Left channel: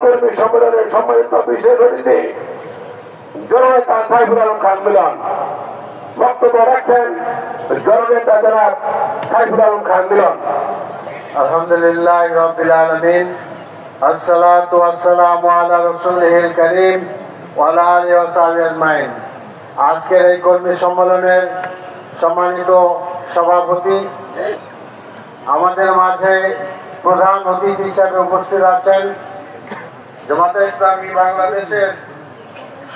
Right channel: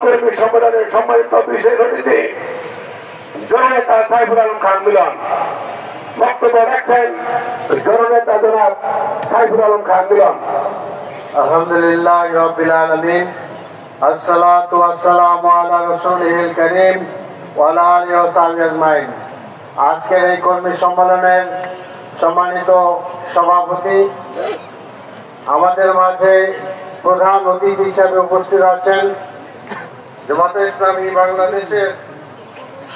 কর্মী সম্মেলনের সম্মানিত বিশেষ অতিথি জননেতা সাইফুল আলম খান মিলন বক্তব্য রাখছেন। জননেতা জনাব সাইফুল আলম খান মিলন। আলহামদুলিল্লাহ রাব্বিল আলামিন, আসসালাতু ওয়াসসালামু আলা রাসূলিল কারীম ওয়া আলা আলিহি ওয়া সাহবিহি আজমাইন। আজকের এই কর্মী সম্মেলনের সম্মানিত সভাপতি, আমাদের মাঝে প্রধান অতিথি হিসেবে উপস্থিত আছেন জামাতে ইসলামী বাংলাদেশের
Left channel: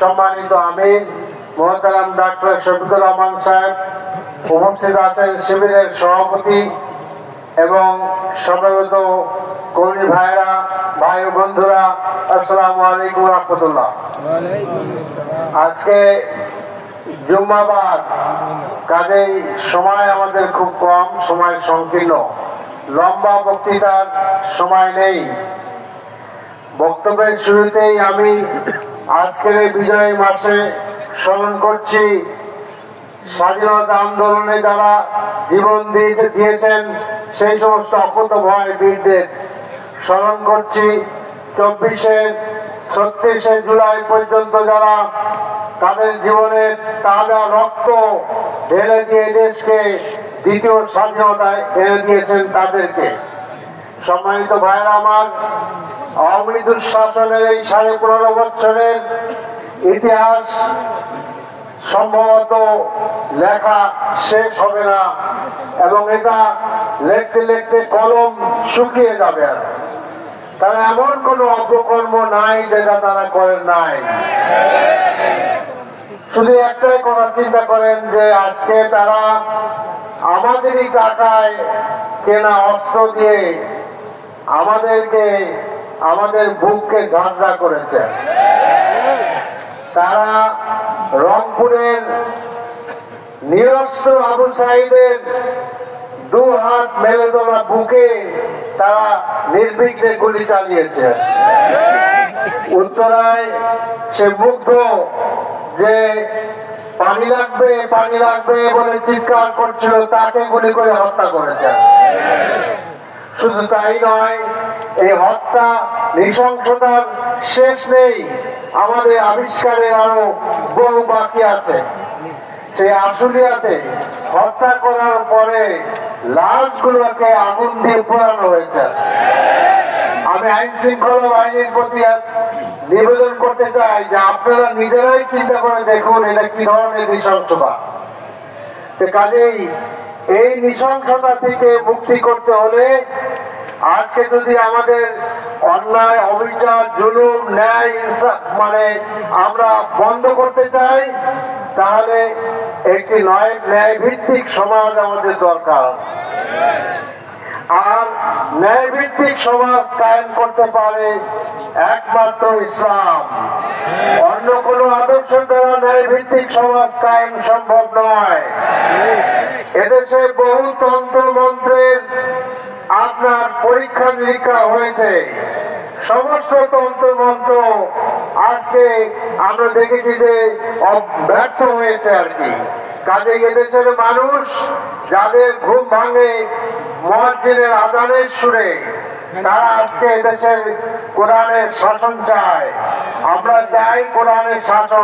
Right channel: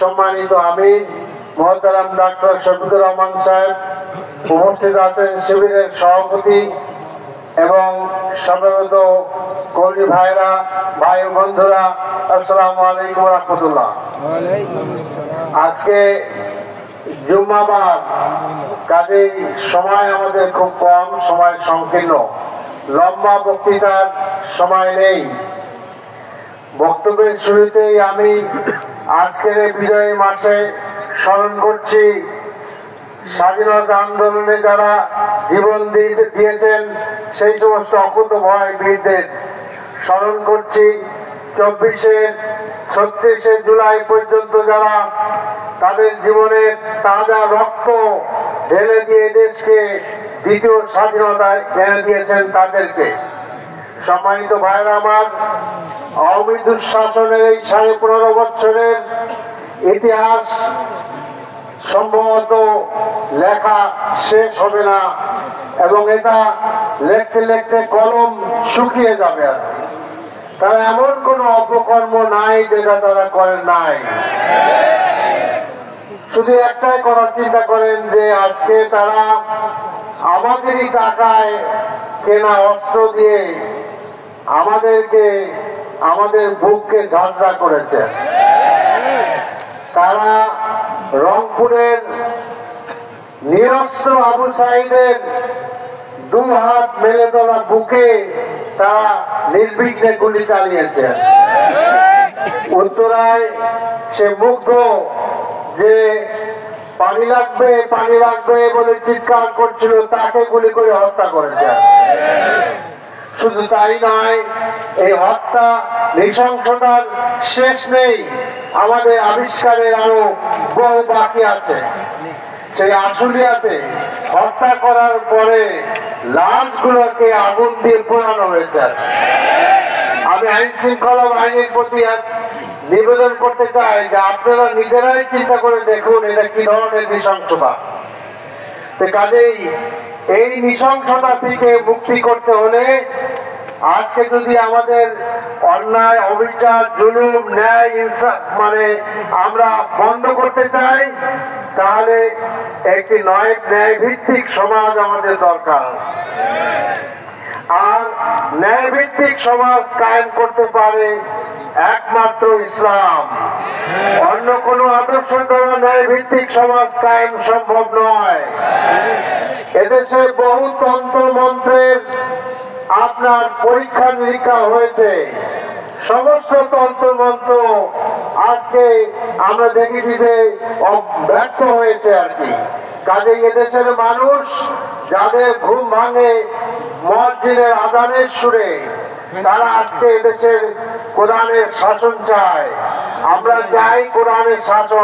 সম্মানিত আমির মোহতারাম ডাক্তার শফিকুর রহমান সাহেব, উপস্থিত আছেন শিবিরের সভাপতি এবং সমবেত কর্মী ভাইরা, ভাই বন্ধুরা, আসসালামু আলাইকুম ওয়া রাহমাতুল্লাহ। আজকে জুম্মাবার, কাজেই সময় আমাদের খুব কম, সময় সংকীর্ণ, লম্বা বক্তৃতার সময় নেই। বক্তব্যের শুরুতেই আমি আজকের বিজয় মাসে স্মরণ করছি স্বাধীনতা আন্দোলনে যারা জীবন দিয়েছেন সেই সমস্ত অকুতোভয় বীরদের স্মরণ করছি। 36শে জুলাই পর্যন্ত যারা তাদের জীবনের তাজা রক্ত ঢেলে দিয়ে দেশকে দ্বিতীয় স্বাধীনতায় এনে দিয়েছেন তাদেরকে। সম্মানিত ভাইরা আমার, আওয়ামী দুঃশাসনের এই 15.5 বছরের ইতিহাস সম্ভবত লেখা শেষ হবে না এবং এটা লিখতে লিখতে কলম শুকিয়ে যাবে। তারা এমন কোন অপকর্ম নাই যেটা তারা করেন নাই। শুধু একটাই করার চিন্তা করেন যে আজকে তারা আমাদেরই টাকায় কেনা অস্ত্র দিয়ে আমাদেরকে, আমাদের বুককে ঝাঁঝরা করেছে। তারা রংপুরের নিরস্ত্র আবু সাইদের 2 হাত মেলে তোলা বুকে তারা নির্বিঘ্নে গুলি চালিয়েছে। উত্তরায় সে মুগ্ধ যে পানি লাগবে পানি লাগবে বলে চিৎকার করছিল, তাকে গুলি করে হত্যা করেছে। শুধু তাই নয়, এই হত্যা নৃশংসতার শেষ নেই, আমাদের আবিষ্কারের আরো বহু বাকি আছে। সেই আশুলিয়াতে হত্যা করার পরে লাশগুলোকে আগুন দিয়ে পোড়ানো হয়েছে। আমি আইন শৃঙ্খলা বাহিনীর প্রতি নিবেদন করতে চাই যে আপনারা নিজেরাই চিন্তা করে দেখুন এটা কি ধরনের নৃশংসতা। কাজেই এই নৃশংসতা থেকে মুক্তি করতে হলে আজকে যদি আমাদের অন্যায়, অবিচার, জুলুম, ন্যায়, ইনসাফ আমরা বন্ধ করতে চাই, তাহলে একটি ন্যায় ভিত্তিক সমাজ আমাদের দরকার। আর ন্যায় ভিত্তিক সমাজ কায়েম করতে পারে একমাত্র ইসলাম। অন্য কোন আদর্শ দ্বারা ন্যায় ভিত্তিক সমাজ কায়েম সম্ভব নয়। এদেশে বহু তন্ত্র মন্ত্রের আপনার পরীক্ষা নিরীক্ষা হয়েছে। সমস্ত তন্ত্র মন্ত্র আজকে আমরা দেখেছি যে ব্যর্থ হয়েছে আর কি। কাজে এদেশের মানুষ যাদের ঘুম ভাঙে মুয়াজ্জিনের আযানের সুরে, তারা আজকে এদেশের কোরআনের শাসন চায়। আমরা চাই কোরআনের শাসন।